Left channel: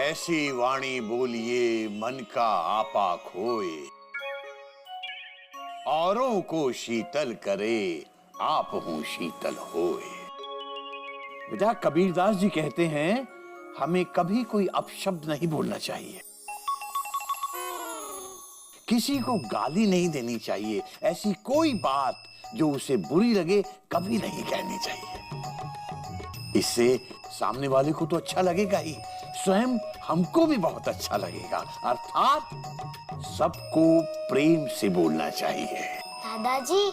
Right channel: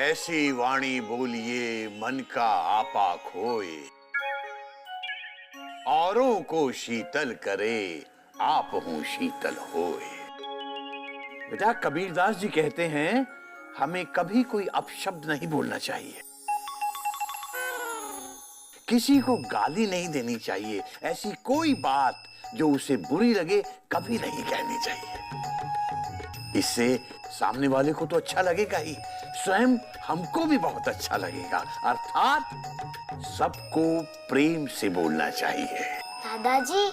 ऐसी वाणी बोलिए मन का आपा खोए, औरों को शीतल करे आप हूं शीतल होए। बेटा कबीरदास जी कहते हैं हमें कभी कोई अपशब्द नहीं बोलना चाहिए, किसी को गाली नहीं देनी चाहिए, ऐसी कोई बात जो उसे बुरी लगे कभी नहीं कहनी चाहिए। इससे सामने वाले को तो अच्छा लगेगा ही, स्वयं हमको भी बहुत अच्छा लगेगा। अर्थात सबको प्रेम से बोलना चाहिए। दादाजी,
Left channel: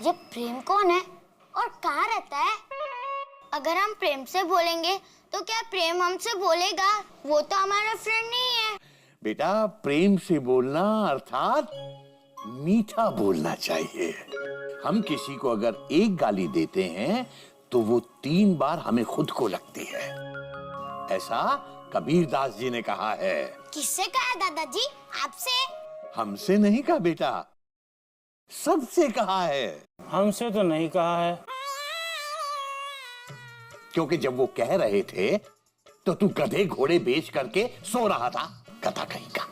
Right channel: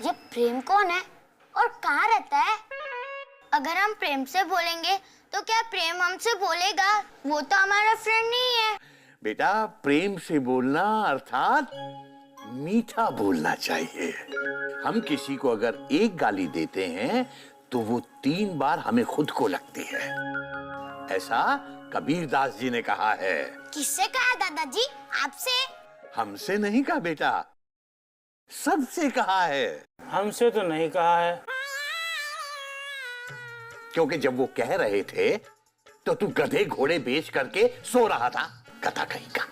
ये प्रेम कौन है और कहाँ रहता है? अगर हम प्रेम से बोलेंगे तो क्या प्रेम हमसे बोलेगा? वो तो हमारा फ्रेंड नहीं है। बेटा प्रेम से बोलना अर्थात मीठा बोलना चाहिए। हम किसी को अगर एक गाली देते हैं तो वो 3 बार हमें खुद को लगती है, ऐसा कबीरदास जी ने कहा है। किससे कहा दादाजी? आपसे? हमसे नहीं कहा बेटा, सबसे कहा है। हमसे तो नहीं कहा है। क्योंकि जब वो कह रहे थे तो तू गधे घोड़े बेच करके सो रहा था, गधा कहीं का।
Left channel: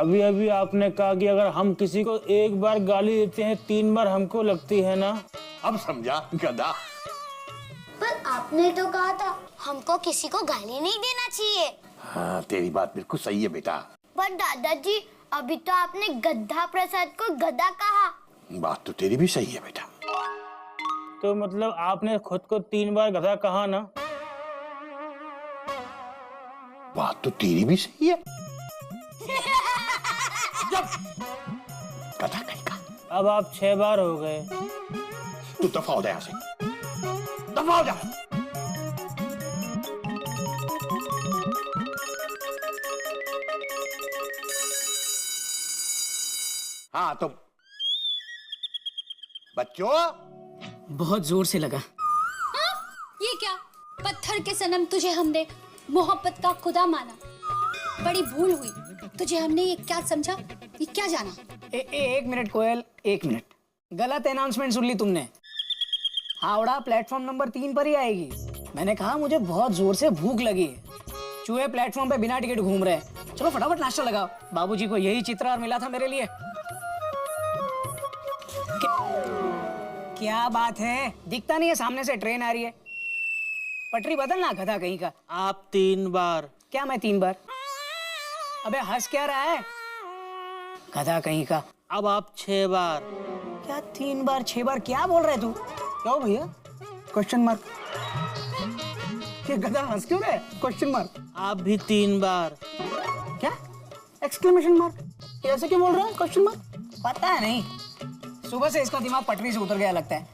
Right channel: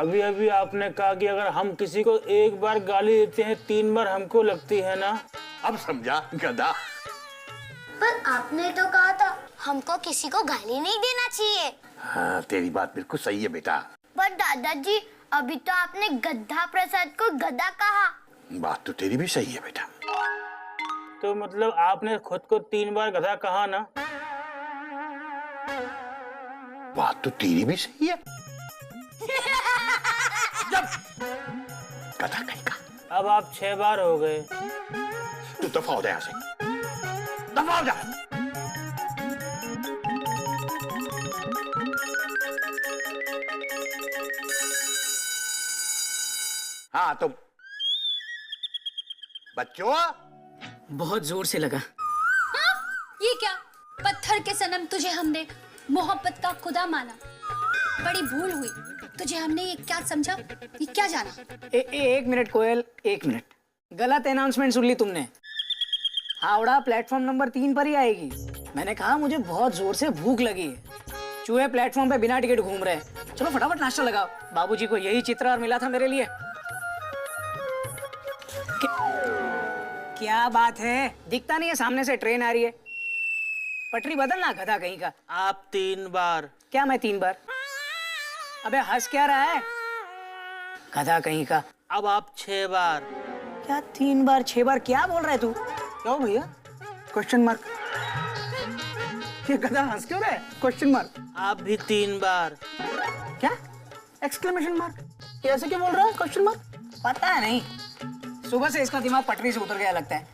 अभी अभी आपने कहा कि अगर हम किसी को एक बार गाली देते हैं 3 बार हमको लगती है ना। अब समझा गधा। पर आपने तो कहा था हमको किसी को गाली नहीं देना चाहिए। हाँ तेरी बात बिल्कुल सही है बेटा। पर दादाजी अभी तो आपने गधा प्रसाद को गधा कहा। बात तो तेरी भी सही है बेटा। तो मतलब आपने खुद को 3 बार गधा कहा ना। बात तो तेरी भी सही है। गधा कहीं का। अब आप 6 बार हो गए। तू दफा हो जा यहाँ से, दफा हो जा। हाँ तो बच्चों, बहुत जोर से लगा। हाँ? ये क्या? पत्थर के सनम तुझे हमने मोहब्बत का खुदा माना, बड़ी भूल हुई। तुझे हमने ये क्या समझा, ये क्या जाना? एक मिनट कोयल, 1 मिनट। गलत अनाउंसमेंट सुन ली तुमने। हावड़ा प्लेटफॉर्म नंबर 3 पर ही आएगी। मैंने कहा मुझे बहुत जोर से भूख लगी है। चूहे प्लेटफॉर्म पे बिना टिकट घूम रहे हैं। चलो फटाफट नाश्ता लगाओ। बाबूजी को यही चित्र और मिला था मेरे लिए। क्या बात है, दिखता नहीं है सामने से ट्रेन आ रही है। पटरी बदलना गधा कहीं का। आप 3 बार। क्या मैं 3 बार? अबे हंस क्या रहा है गधा कहीं का। अब आप 6 बार। क्या 3 बार 6 बार? क्या बोल रहा है तू? क्यों भैया? Question mark. ये गधा हंस क्यों रहा है? Question mark. आप भी 3 बार। क्या? Exclamation mark. ये ऐसे क्यों बोल रहा है? Question mark. पता है नहीं, सुबह से इसका दिमाग पटरी से उतर गया लगता है।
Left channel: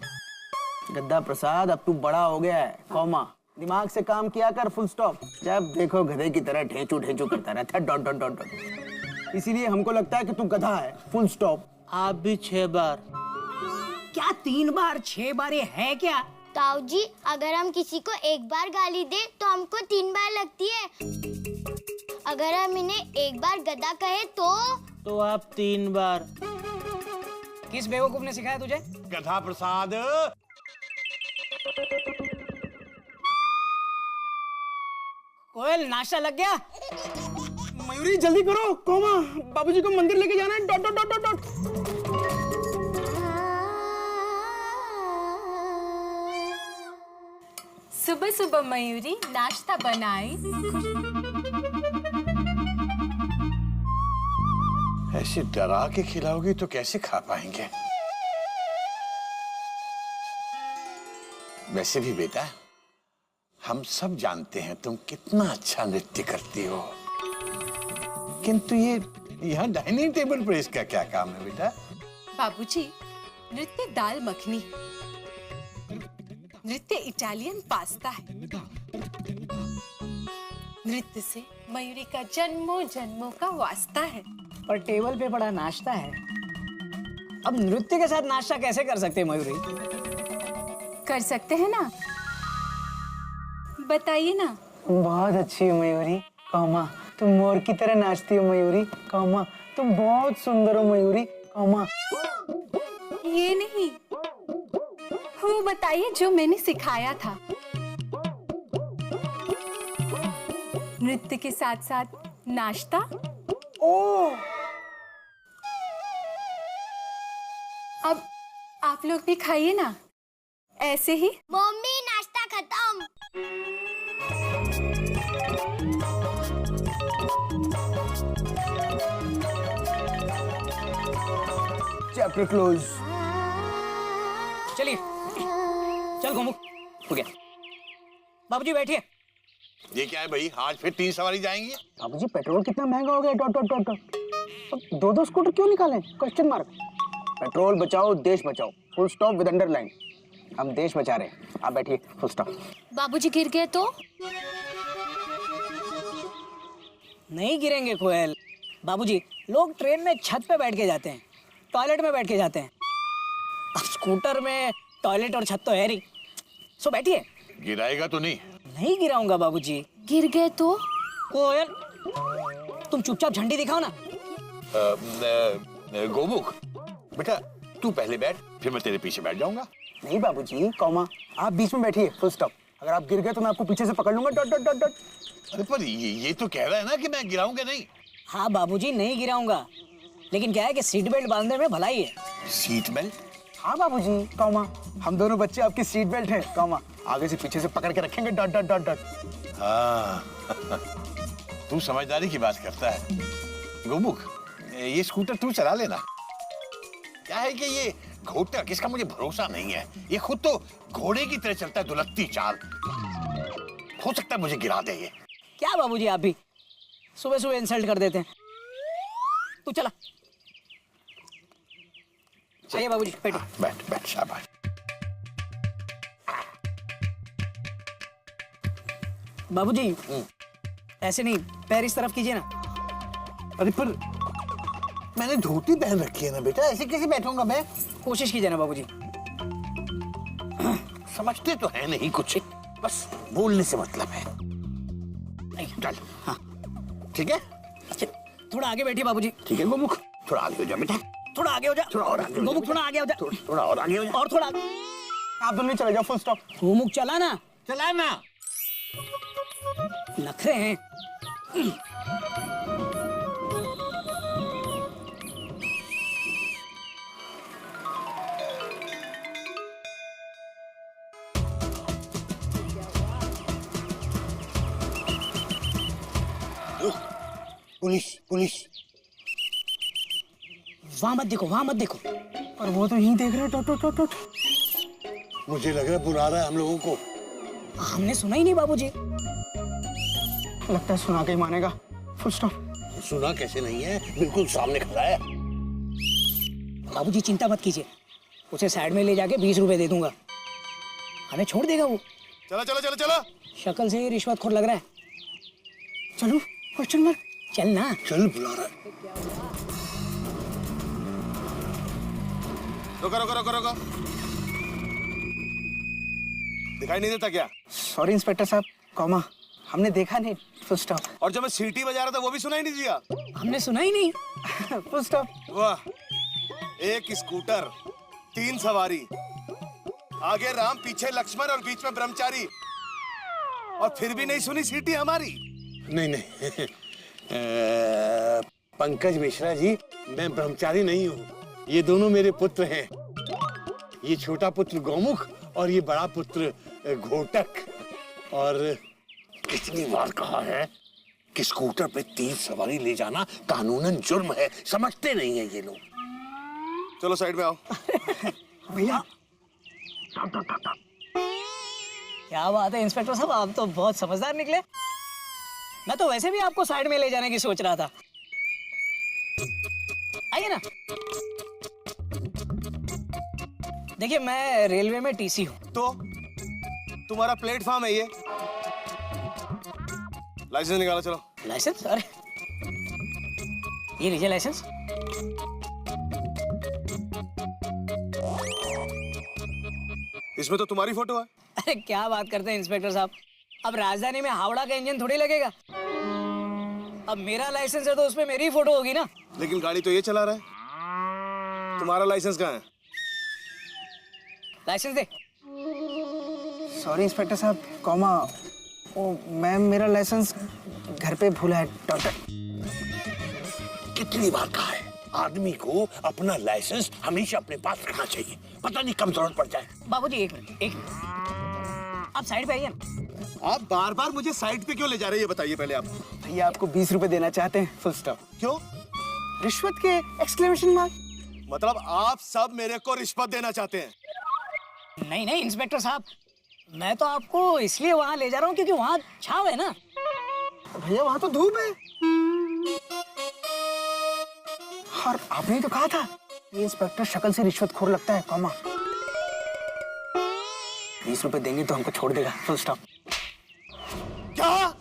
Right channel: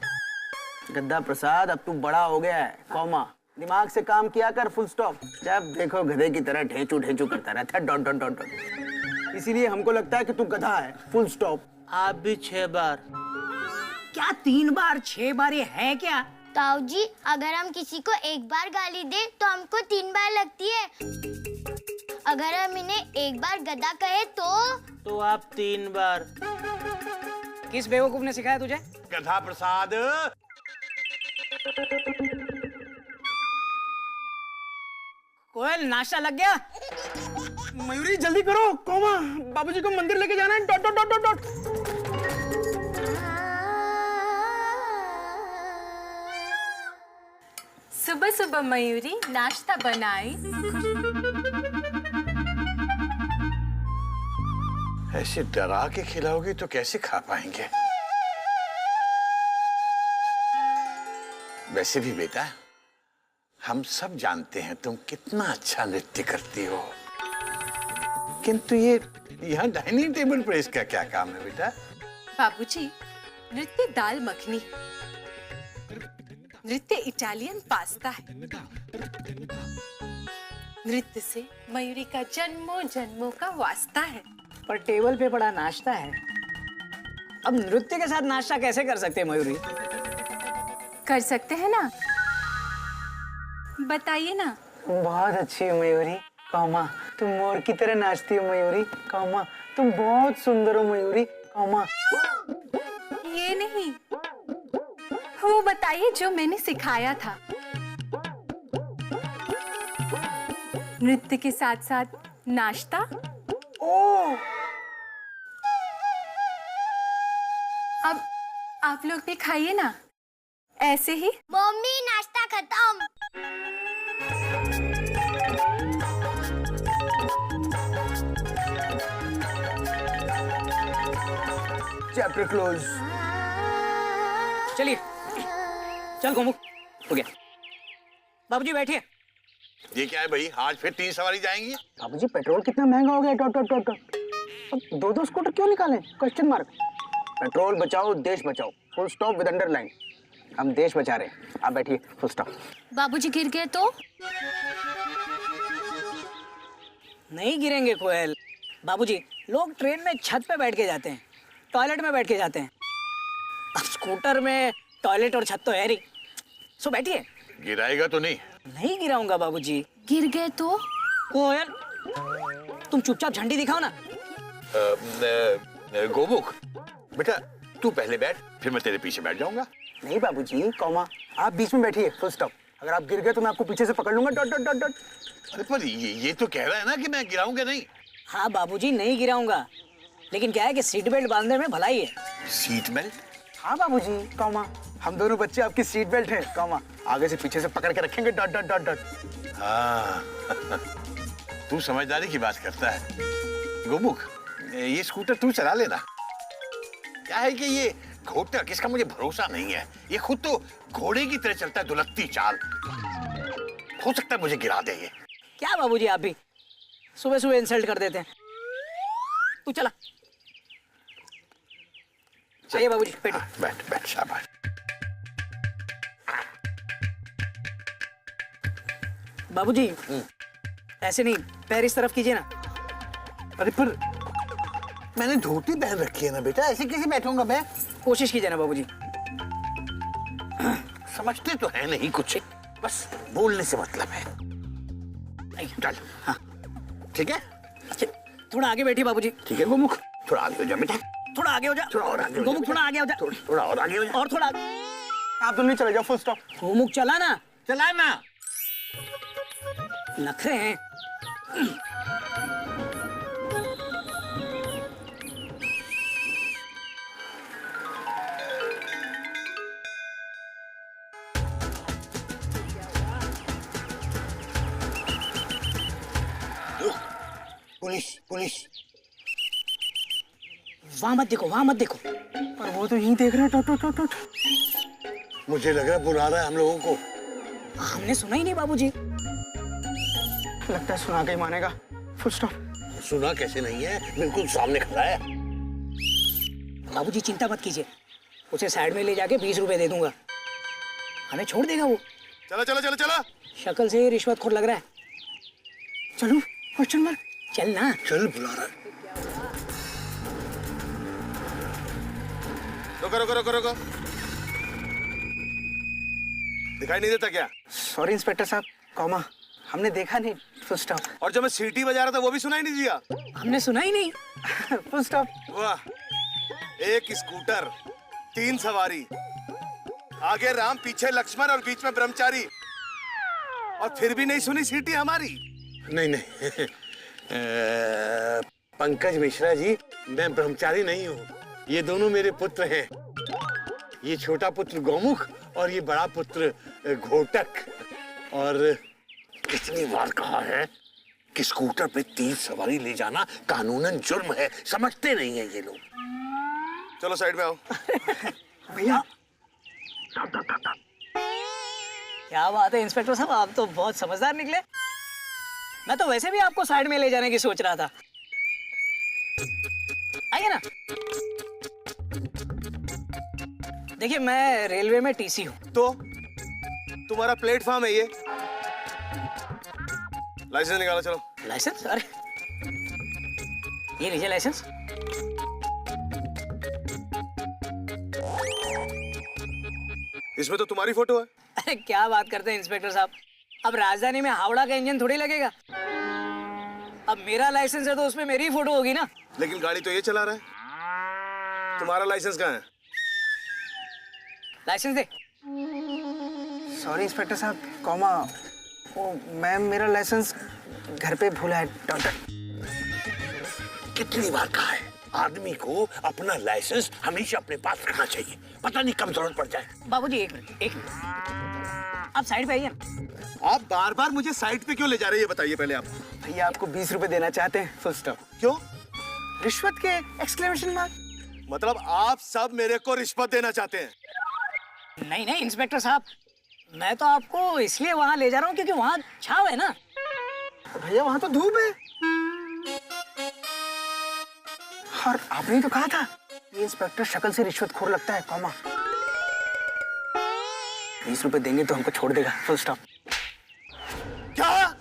गद्दा प्रसाद अब तू बड़ा हो गया है, कॉमा दिमाग से काम किया कर, फुल स्टॉप। जब देखो गधे की तरह ढेंचू ढेंचू करता रहता है, डॉट डॉट डॉट डॉट। इसीलिए हमको लगता है कि तू गधा है, फुल स्टॉप। आप भी 6 बार। क्या 3 बार 6 बार ये है क्या? ताऊ जी, अगर हम किसी को एक बार गाली दे तो हमको 3 बार लगती है। अगर हम इन्हें एक बार गधा कहे तो आप 3 बार। किस बेवकूफ ने सिखाया तुझे? गधा प्रसाद। कोयल नाश्ता लग गया? मयूरी जल्दी करो, कॉमा बाबूजी को मंदिर लेके जाना है, dot dot dot dot dot. सुबह सुबह मयूरी नाश्ता बनाई। ऐसे डरा के खिलाओगी तो कैसे खा पाएंगे? वैसे भी बेटा हम सब जानते हैं तुम कितना अच्छा नृत्य करती हो, किंतु ये यहाँ डाइनिंग टेबल पर इसका क्या काम है बेटा? बाबूजी, नृत्य दाल मखनी, नृत्य इटालियन पास्ता है। नृत्य से मयूरी का जन्मों जन्मों का वास्ता है। पर टेबल पे पड़ा नाश्ता है। अब नृत्य के साथ नाश्ता कैसे कर सकते हैं मयूरी? कर सकते हैं ना, बताइए ना। बहुत अच्छी है मयूरी, कॉमा तुम मोर की तरह नाचती हो मयूरी, कॉमा तुम बहुत सुंदर हो मयूरी, कॉमा। ये नहीं, वो बताइए जो मैंने सिखाया था। नृत्य के साथ साथ नाश्ता। अब आप लोग भी खाइए ना, ऐसे ही। मम्मी नाश्ता खत्म। Chapter close. चलिए चल गोमुख, हो गया। बाबूजी बैठिए। ये क्या है भाई, आज फिर 3 सवारी जाएंगी? बाबूजी पेट्रोल कितना महंगा हो गया, डॉट डॉट डॉट डॉट। अब 2-2 स्कूटर क्यों निकालें? Question mark. पेट्रोल बचाओ देश बचाओ, फुल स्टॉप विद अंडरलाइन। हम देश बचा रहे हैं, आप बैठिए, फुल स्टॉप। बाबूजी गिर गए तो? नहीं गिरेंगे कोयल। बाबूजी, लोग ट्रेन में छत पे बैठ के जाते हैं, टॉयलेट में बैठ के जाते हैं। अब स्कूटर में टॉयलेट और छत तो है नहीं, सो बैठिए। गिराएगा तो नहीं? नहीं गिराऊंगा बाबूजी। गिर गए तो? कोयल, तुम चुपचाप झंडी दिखाओ ना। गोमुख बेटा, तू पहले बैठ, फिर मैं तेरे पीछे बैठ जाऊंगा। नहीं बाबूजी, कॉमा, आप बीच में बैठिए, फुल स्टॉप। अगर आप गिर गए तो मैं आपको पीछे से पकड़ लूंगा, डॉट डॉट डॉट डॉट। अरे पर ये तो कह रहा है ना कि मैं गिराऊंगा नहीं। हाँ बाबूजी, नहीं गिराऊंगा, लेकिन क्या है कि सीट बेल्ट बांधने में भलाई है। Seat belt? हाँ बाबूजी, कॉमा, हम दोनों बच्चे आपकी सीट बेल्ट हैं, कॉमा, आगे से पीछे से पकड़ के रखेंगे, डॉट डॉट डॉट डॉट। हाँ तू समझदारी की बात करता है। गोमुख, ये स्कूटर तू चला लेना। क्या है कि ये घोटक, इसका मुझे भरोसा नहीं है। ये खुद तो घोड़े की तरह चलता है, दुलत्ती चाल। हो सकता है मुझे गिरा दे ये। क्या बाबूजी, आप भी सुबह सुबह इंसल्ट कर देते हैं। तू चला। आइए बाबूजी, बैठो। बैठ बैठ, शाबाश। बाबूजी, ऐसे नहीं, पैर इस तरफ कीजिए ना। अरे पर मैंने धोती पहन रखी है ना बेटा, ऐसे कैसे बैठूंगा मैं? कोशिश कीजिए ना बाबूजी। समझते तो है नहीं कुछ, बस बोलने से मतलब है। चल। हाँ ठीक है, अच्छा, थोड़ा आगे बैठिए बाबूजी। ठीक है गोमुख, थोड़ा आगे हो जा बेटा। थोड़ा आगे हो जा। थोड़ा और आगे हो जा गोमुख, बेटा। थोड़ा आगे हो जा। थोड़ा और आगे हो जा। और थोड़ा आगे। आप दोनों चले जाओ, फुल स्टॉप। गोमुख चला ना। चला ना। नखरे हैं। Police police. वहां मत देखो, वहां मत देखो। पर वो तो यहीं देख रहे हैं, डॉट डॉट डॉट डॉट। मुझे लग रहा है बुला रहा है हम लोगों को। हमने सुना ही नहीं बाबूजी। लगता है सुना के ही मानेगा, फुल स्टॉप। सुना कैसे नहीं है, बिल्कुल सामने खड़ा है। बाबूजी चिंता मत कीजिए, उसे साइड में ले जाके 20 रुपए दे दूंगा, हमें छोड़ देगा वो। चलो चलो चलो चलो। शक्ल से ही रिश्वतखोर लग रहा है। चलो, क्वेश्चन मार्क। चल ना। चल, बुला रहा है। रुको रुको रुको रुको। दिखाई नहीं देता क्या? सॉरी इंस्पेक्टर साहब, कॉमा, हमने देखा नहीं, फुल स्टॉप। और जब मैं सीटी बजा रहा था वो भी सुनाई नहीं दिया? हमने सुना ही नहीं। Full stop. वाह, एक स्कूटर, 3 सवारी, आगे राम, पीछे लक्ष्मण और बीच में ब्रह्मचारी, और फिर भी नहीं सुनी सीटी हमारी। नहीं नहीं पंकज मिश्रा जी, मैं ब्रह्मचारी नहीं हूँ। ये दोनों मेरे पुत्र हैं। ये छोटा पुत्र गौमुख और ये बड़ा पुत्र घोटक। और कितनी बार कहा है कि स्कूटर पे 3 सवारी ले जाना कानूनन जुर्म है। समझते नहीं है ये लोग। चलो साइड में आओ। भैया, क्या बात है इंस्पेक्टर साहब, आप तो बहुत समझदार निकले। मैं तो वैसे भी आपको साइड में ले जाने की सोच रहा था। आइए ना। देखिए, मैं रेलवे में टीसी हूँ। तो तुम्हारा प्लेटफॉर्म है ये। लाइसेंस निकालो चलो। लाइसेंस? अरे ये लीजिए लाइसेंस। इसमें तो तुम्हारी फोटो है। अरे क्या बात करते हैं इंस्पेक्टर साहब, अब राजधानी में हावड़ा का इंजन थोड़ी लगेगा। अब मेरा लाइसेंस है तो उसमें मेरी ही फोटो होगी ना। लेकिन गाड़ी तो ये चला रहा है। तुम्हारा लाइसेंस कहाँ है? लाइसेंस दे। सॉरी इंस्पेक्टर साहब, कॉमा, ओ मैम, मेरा लाइसेंस घर पे भूला है डॉक्टर। कितनी बार कहा है, आदमी को अपना लाइसेंस हमेशा अपने पास रखना चाहिए, पता नहीं कब जरूरत पड़ जाए। बाबूजी एक मिनट आप साइड पे आइए ना। आप बार बार मुझे साइड पे क्यों ले जा रहे हैं, ये बताइए पहले आप। भैया आपको 20 रुपए देना चाहते हैं, फुल स्टॉप। क्यों? रिश्वत के एक्सक्लेमेशन मार्क। मतलब आप सब मेरे को रिश्वत देना चाहते हैं? नहीं नहीं इंस्पेक्टर साहब, मैं तो आपको इसलिए वहां ले जा रहा हूँ क्योंकि वहां छाव है ना। भैया वहां तो धूप है। और आपने तो कहा था ये इंस्पेक्टर शक्ल से रिश्वतखोर लगता है, कॉमा। 20 रुपए देंगे तो हमको छोड़ देगा, फुल स्टॉप। क्या?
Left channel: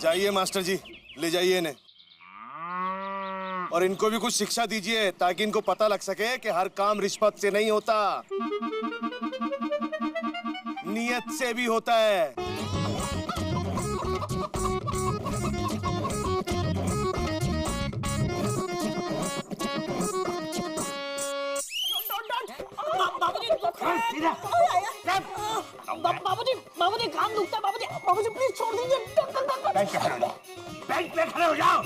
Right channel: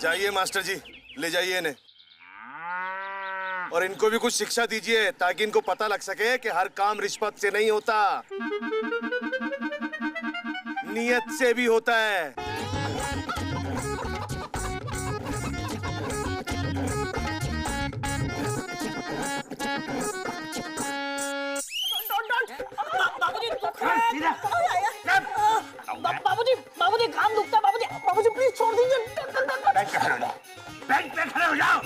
जाइए मास्टर जी, ले जाइए इन्हें और इनको भी कुछ शिक्षा दीजिए ताकि इनको पता लग सके कि हर काम रिश्वत से नहीं होता, नियत से भी होता है। बाबूजी काम दुखता है बाबूजी प्लीज छोड़ दीजिए। बेंच पे खड़े हो जाओ।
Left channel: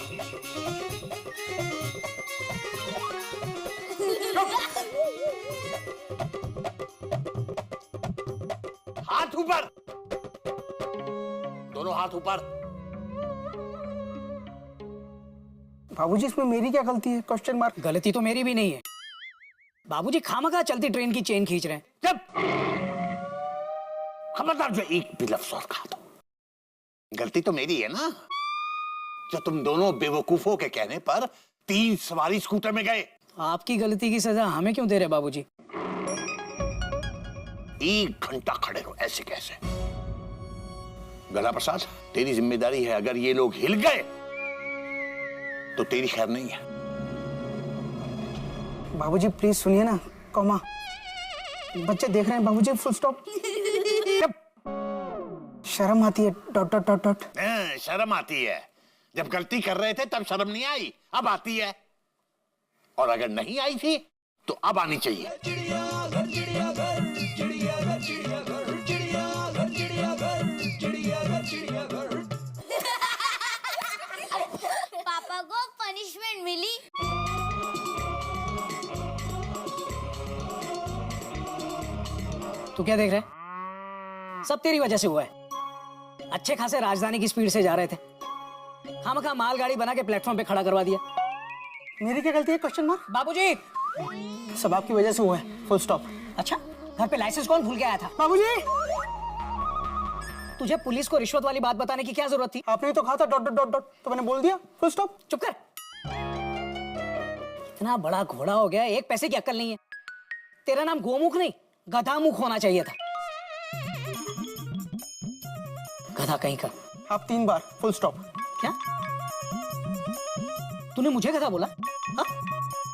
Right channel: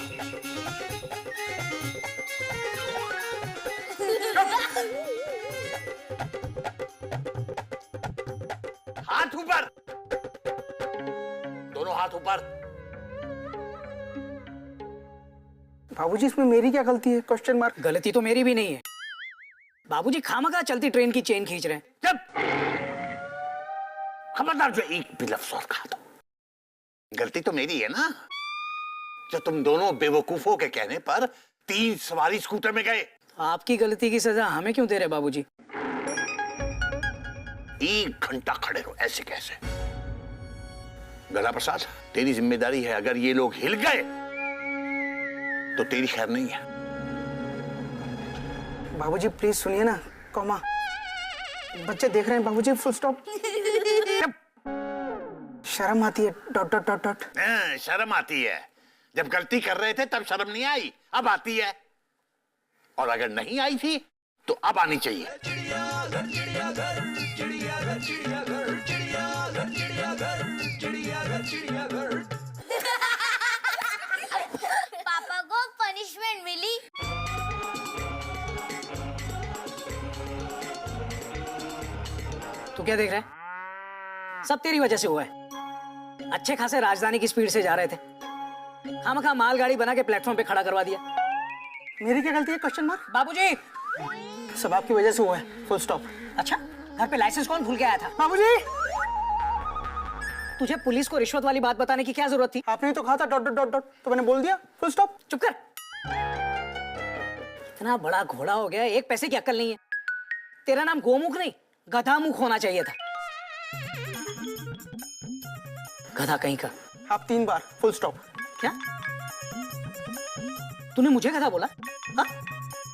हाथ ऊपर, दोनों हाथ ऊपर। बाबूजी इसमें मेरी क्या गलती है, क्वेश्चन मार्क। गलती तो मेरी भी नहीं है, बाबूजी खामखा चलती ट्रेन की चेन खींच रहे हैं। जब खबरदार जो एक भी लफ्ज और कहा तो गलती तो मेरी है ना, जो तुम दोनों बेवकूफों के कहने पर 3 सवारी स्कूटर में गए। आपकी गलती की सजा हमें क्यों दे रहे बाबूजी? 1 घंटा खड़े रहो, ऐसे कैसे? गला प्रसाद, तेरी जिम्मेदारी है, अगर ये लोग हिल गए तो तेरी खैर नहीं है। बाबूजी प्लीज सुनिए ना, कॉमा। बच्चे देख रहे हैं बाबूजी, फुल स्टॉप। शर्म आती है, डॉट डॉट डॉट डॉट। शर्म आती है, जब गलती कर रहे थे तब शर्म नहीं आई, अब आती है, और अगर नहीं आई थी तो अब आनी चाहिए। पापा को पनिशमेंट मिली। तू क्या देख रहा है? सब तेरी वजह से हुआ है। अच्छे खासे राजधानी की स्पीड से जा रहे थे, खामखा मालगाड़ी बना के प्लेटफॉर्म पे खड़ा करवा दिया। मेरी क्या गलती है, क्वेश्चन मार्क। बाबूजी सब आपकी वजह से हुआ है, फुल स्टॉप। अच्छा, घर पे लाइसेंस कौन भूल के आया था? बाबूजी तुझे पुलिस को रिश्वत वाली बात बताने की क्या जरूरत थी? आपने तो कहा था डॉट डॉट डॉट डॉट, तो मैंने बोल दिया, फुल स्टॉप। चुप कर। इतना बड़ा घोड़ा हो गया, एक पैसे की अक्ल नहीं है। तेरा नाम गोमुख नहीं गधामुख होना चाहिए था। गधा कहीं का। आप 3 बार, फुल स्टॉप। क्या तूने मुझे गधा बोला? हा?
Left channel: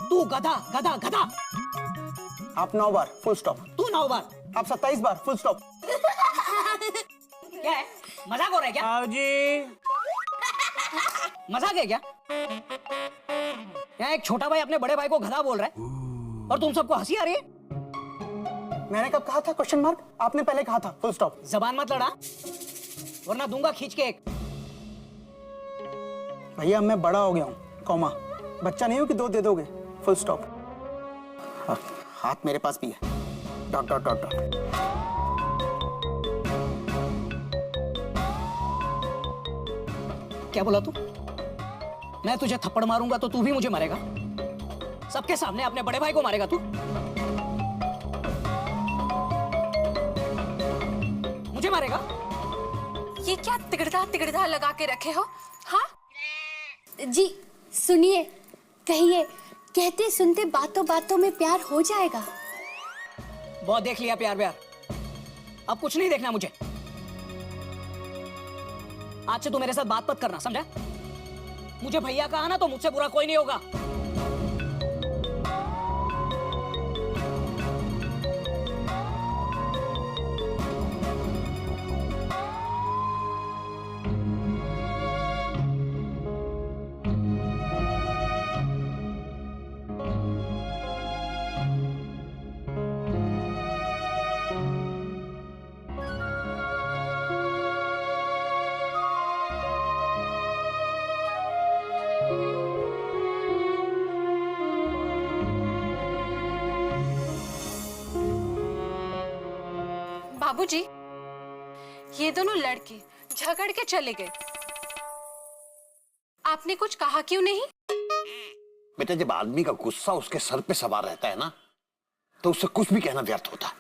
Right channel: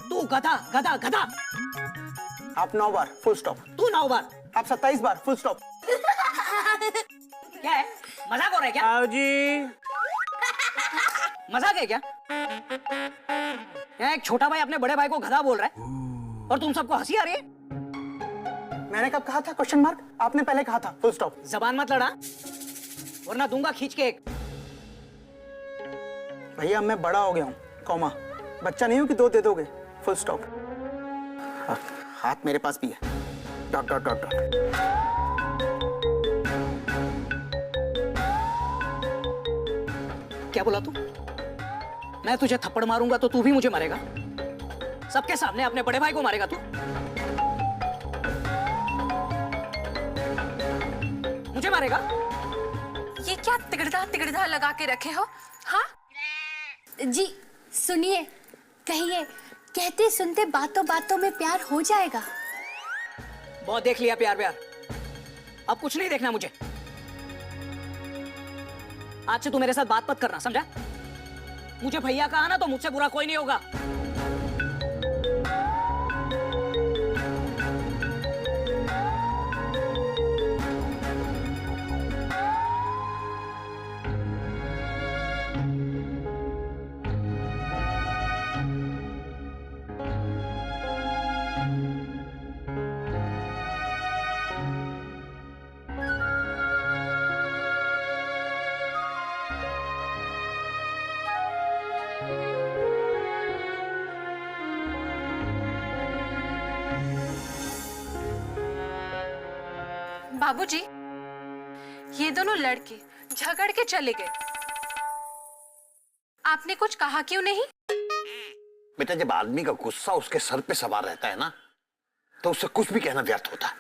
तू गधा गधा गधा। आप 9 बार, फुल स्टॉप। तू 9 बार। आप 27 बार, फुल स्टॉप। क्या है, मजाक हो रहा है क्या? जी मजाक है क्या? यहाँ एक छोटा भाई अपने बड़े भाई को गधा बोल रहा है और तुम सबको हंसी आ रही है? मैंने कब कहा था, क्वेश्चन मार्क? आपने पहले कहा था, फुल स्टॉप। जबान मत लड़ा वरना दूंगा खींच के एक। भैया मैं बड़ा हो गया हूँ, कॉमा। बच्चा नहीं हूँ कि 2 दे दोगे, फुल स्टॉप। हाथ मेरे पास भी है, डॉट डॉट डॉट डॉट। क्या बोला तू? मैं तुझे थप्पड़ मारूंगा तो तू भी मुझे मारेगा? सबके सामने अपने बड़े भाई को मारेगा तू? मुझे मारेगा? ये क्या तिगड़दा तिगड़दा लगा के रखे हो? हाँ जी सुनिए, कहिए, कहते सुनते बातों बातों में प्यार हो जाएगा। बहुत देख लिया प्यार प्यार, अब कुछ नहीं देखना मुझे। आज से तू मेरे साथ बात मत करना, समझा? मुझे भैया कहा ना तो मुझसे बुरा कोई नहीं होगा। बाबूजी, ये दोनों लड़के झगड़ के चले गए। आपने कुछ कहा क्यों नहीं? बेटा, जब आदमी का गुस्सा उसके सर पे सवार रहता है ना, तो उससे कुछ भी कहना व्यर्थ होता है।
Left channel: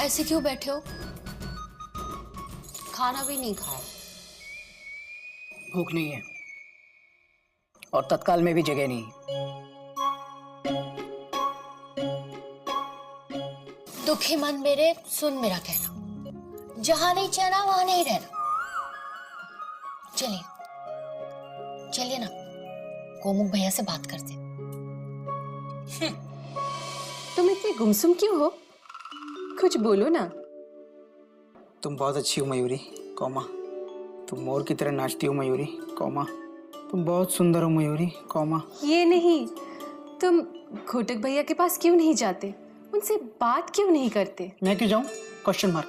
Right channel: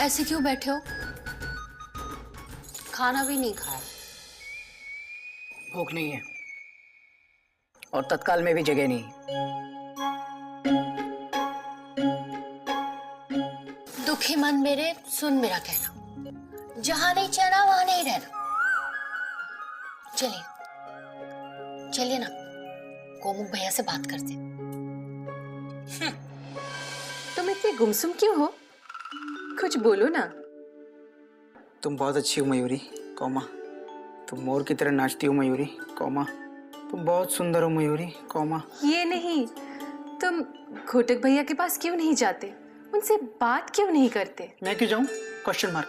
ऐसे क्यों बैठे हो? खाना भी नहीं खाया। भूख नहीं है और तत्काल में भी जगह नहीं। दुखी मन मेरे, सुन मेरा कहना, जहां नहीं चैना वहां नहीं रहना। चलिए चलिए ना, कोमुख भैया से बात करते। तुम इतने गुमसुम क्यों हो? कुछ बोलो ना। तुम बहुत अच्छी हो मयूरी, कौमा। तुम मोर की तरह नाचती हो मयूरी, कौमा। तुम बहुत सुंदर हो मयूरी, कौमा। ये नहीं, तुम घोटक भैया के पास क्यों नहीं जाते? उनसे बात क्यों नहीं करते? मैं क्यों जाऊं? Question mark.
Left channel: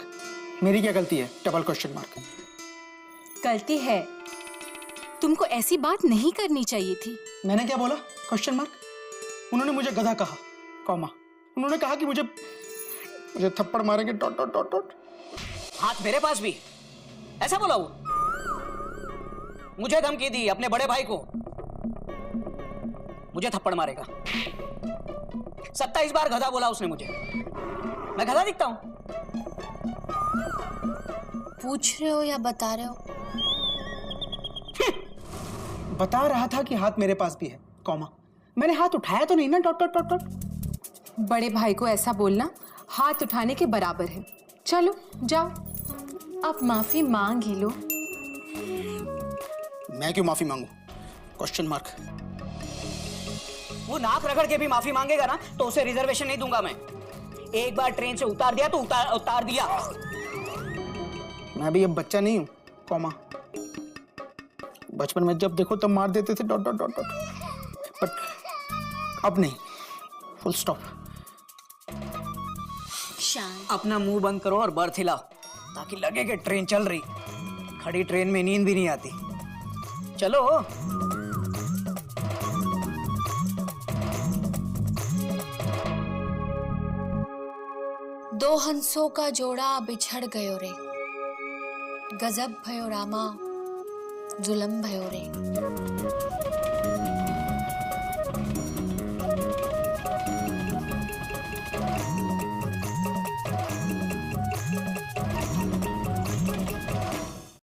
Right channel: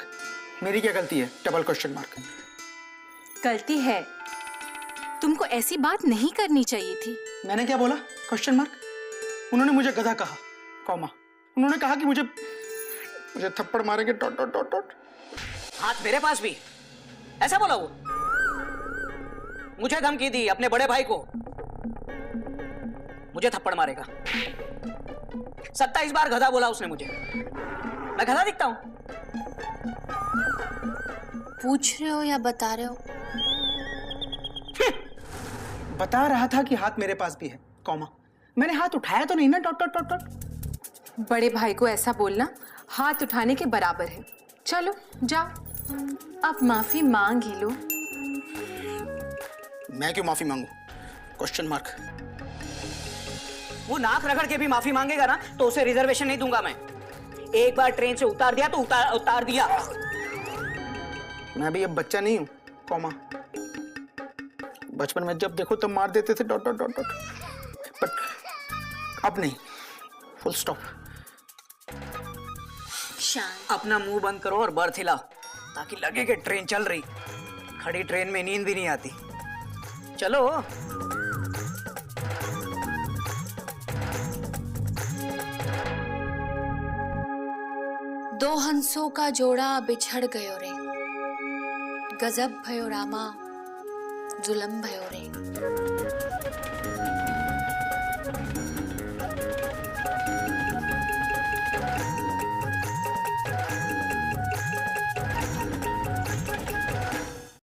मेरी क्या गलती है? Double question mark. गलती है, तुमको ऐसी बात नहीं करनी चाहिए थी। मैंने क्या बोला? Question mark. उन्होंने मुझे गधा कहा, कौमा। उन्होंने कहा कि मुझे थप्पड़ मारेंगे, डॉट डॉट डॉट डॉट। हाथ मेरे पास भी, ऐसा बोला वो? मुझे धमकी दी अपने बड़े भाई को, मुझे थप्पड़ मारेगा। 27 बार गधा बोला उसने मुझे। मैं गधा दिखता हूं? पूछ रहे हो या बता रहे हो? बता रहा था कि हाथ मेरे पास भी है, कौमा। मैंने हाथ उठाया तो नहीं ना, डॉट डॉट डॉट डॉट। बड़े भाई को ऐसा बोलना हाथ उठाने के बराबर है। चलो जाओ, अब माफी मांग ही लो। मैं क्यों माफी मांगू? Question mark. वो नाक रगड़ के भी माफी मांगेगा ना, तो उसे रिजर्वेशन नहीं दूंगा मैं। एक बार ट्रेन से उतार दिया तो उतार दिया। मैं भी अब बच्चा नहीं हूं, कौमा। बचपन में जब देखो तब मार देते थे, dot dot dot dot. But अब नहीं, फुल स्टॉप। शांत। अपना मुंह बंद करो और बर्थ हिलाओ, ताकि लगे कि ट्रेन चल रही। खड़ी ट्रेन में नींद भी नहीं आती। चलो। दो हंसों का जोड़ा बिछड़ गयो रे, गजब भयो रामा, जुलम भयो रे।